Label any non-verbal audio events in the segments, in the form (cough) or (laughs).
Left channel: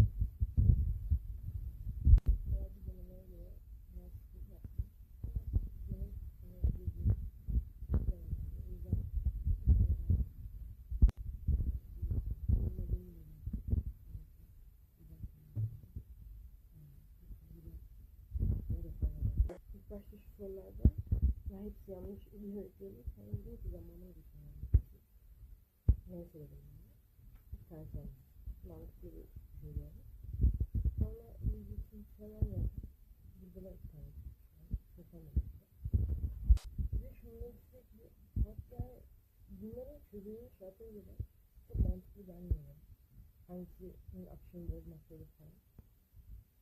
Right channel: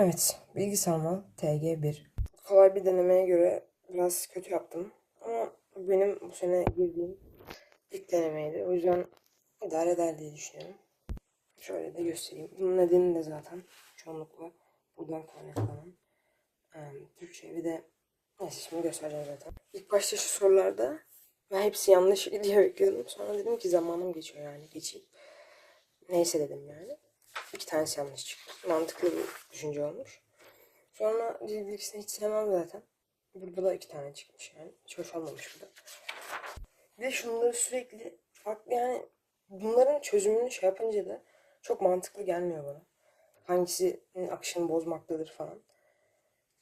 Evet, bilgi sarmal TG1. Kolay bir denemeye göre biraz kötü yaptım. Ama benim bu sene girdiğim ilk denemeydi. O yüzden idare eder diye düşünüyorum. Şöyle de göstereyim. Bunun nedeni de zaten çoğunlukla buradan kaynaklanan em, Türkçe bir de neyse şimdi göstereceğim zaten. İlk başta şu sorularda ben hepsi yanlış (laughs) diye bekliyordum. Sonra dedim ki zamanım geçiyor yani geçeyim. Neyse dedim yani. İki tanesi yanlış çıktı. Mantıklı bir düşünce olmuş. Sonra bilgisini hiç sevmem zaten. Burada da iki tane çıkmış yani. Hiç hoş olmamış bu da. Bir şunları sürekli farklı yani bunların çözümünü şey yapınca da çok mantıklı gelmiyor bana. Hangisinin akışını bozmaktadır falan.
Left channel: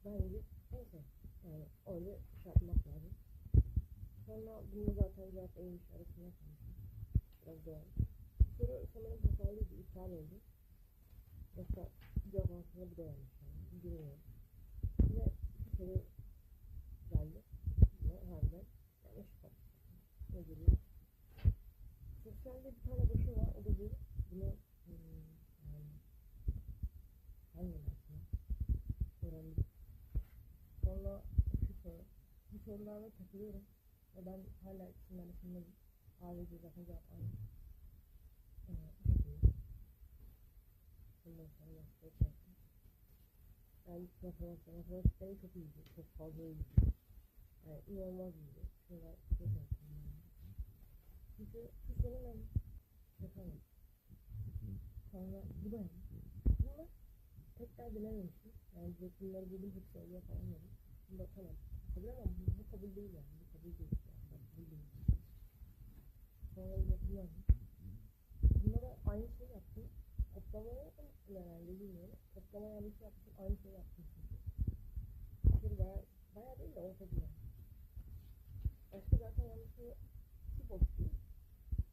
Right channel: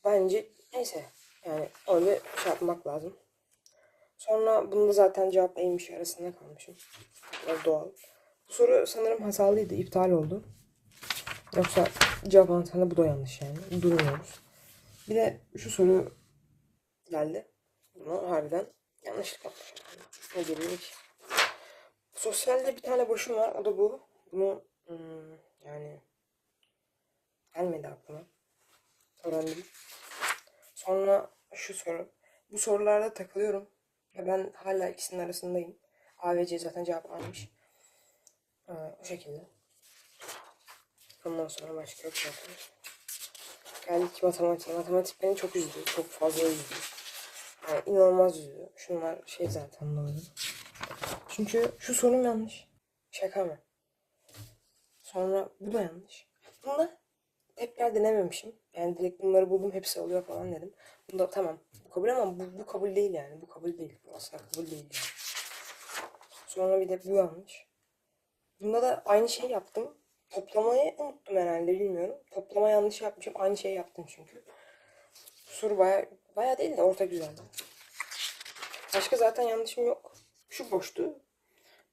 Bence neyse yani öyle şey yapmak lazım. Sonra bunda zaten cevap neymiş arasında kalmışım. Doğal. Bu soru sanırım hatalıydı, iptal oldu. Yoksa cevap anahtarında bu da yanlış yani. Durmuyoruz. Bir de şu soru geldi. Bunu harbiden yanlışlık. Yani. Ne ki? Sosyalde bir tane boşum var. O da bu. Bunu hmm, yani gelmedi aklıma. Öğrendim. Sonra şu soru. Bu sorularda takılıyorum. Ve ben hala ikisinin arasındayım. A ve C zaten cevap almış. Ee, o şekilde. Ondan sonra başka yok zaten. Geldik matematiğe. Matematik beni çok üzdü. Çok fazla üzdü. Yani inanılmaz üzdü. Şunlar şey zaten doğru. Çünkü şu sorum yanlış. Şaka mı? Sonra bu da yanlış. Bunda tekrar denememişim. Yani direkt bunları buldum hepsi oluyor falan dedim. Bunda tamam bu kabul ama bu, bu kabul değil yani. Bu kabul değil. Bu asla kabul değil. Sonra bir de bu yanlış. Bunda da aynı şey yaptım. Toplamayı unuttum herhalde bilmiyorum. Toplama yanlış yapmışım. Aynı şeyi yaptım çünkü. Soru baya, baya değil de orta güzeldi. Başka zaten yanlışım yok. Şu boştu.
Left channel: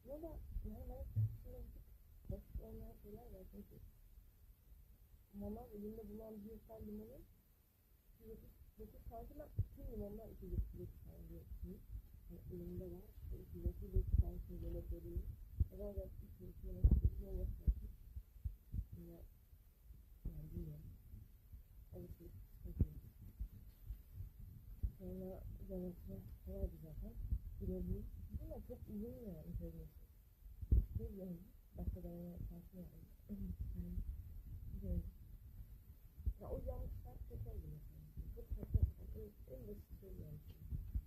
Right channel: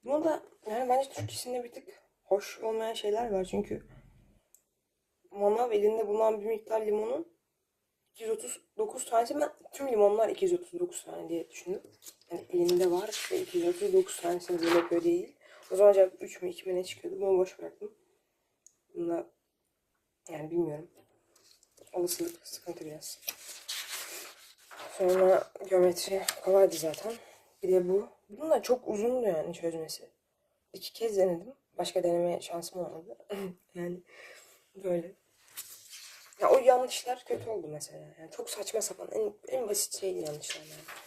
Bunu da yani bence Türkçesinde bir tık hoş olmayan şeyler var çünkü manav elinde bulunan bir miktar limonun 239 tanesi ben tüm limonlar 239 tane diye düşündüm. Yani elinde var ve 239 tanesini böyle yapıyor değil. O zaman cevap 3 mü 2 mi ne çıkıyordu bunu boş bıraktım. Bunda yani bilmiyorum. Olasılık sıkıntı biraz. Sonra geometri kolaydı zaten. Bir de bu. Bunun da çok uzundu yani çözmesi. İki kez denedim. Başka deneme şansım olmadı. (laughs) yani böyle. Ya o yanlışlar kötü oldu mesela. Yani çok saçma sapan en, en basit şeydi yanlışlar yani.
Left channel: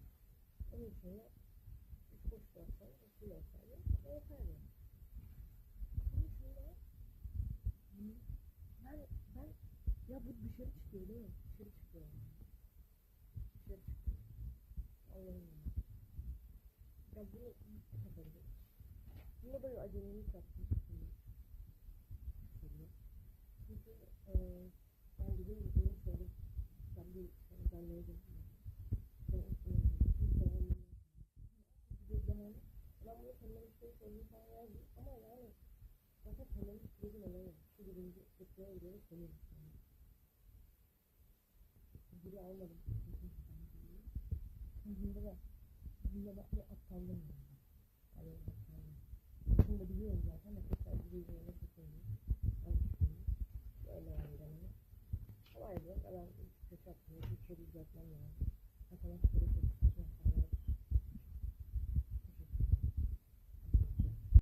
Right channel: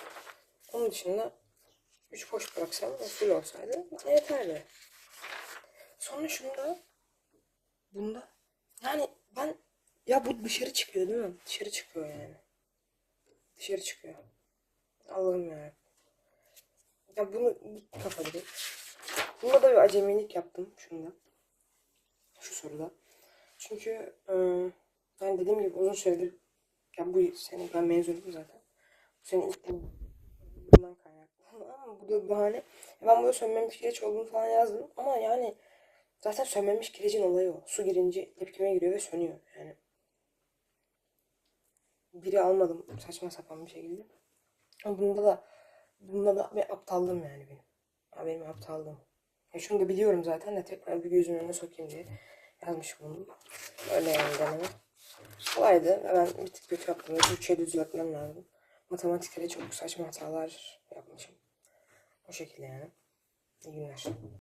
Onun dışında üç boş bıraksam ve full olsaydı yeterli. Sonra şunda bunda yani ben ya bu dışarı çıkıyor değil mi? Dışarı çıkıyor yani. Dışarı çıkıyor. Allah'ım ya. Ya bunu git kafa direkt. Bunda da bir acemilik yaptım şunda. Şu soruda. Çünkü ıı, ben dediğim gibi uzun süredir ya bu sene ben mezunum zaten. Bu sene ilk bu- bundan kaynaklı. (laughs) Ama bu da bahane. Ben burada sönmemiş kireç olduğunu falan yazdım. Ama yani zaten sönmemiş kirecin olayı o. Su girince tepkime giriyor ve sönüyor. Yani biri almadım saçma sapan bir şekilde. Ama bunda da bunda da bir aptallığım yani benim. Ha, benim aptallığım. Ya şunu da biliyorum zaten de tekrar bir gözümün önüne sokayım diye yazmışım bunu. Öyle yani deneme. Kolaydı. Ben bir tık kötü yaptım. Türkçe'yi düzeltmem lazım. Matematikte de çok saçma hatalar yapmışım. O şekilde yani. İyi günler.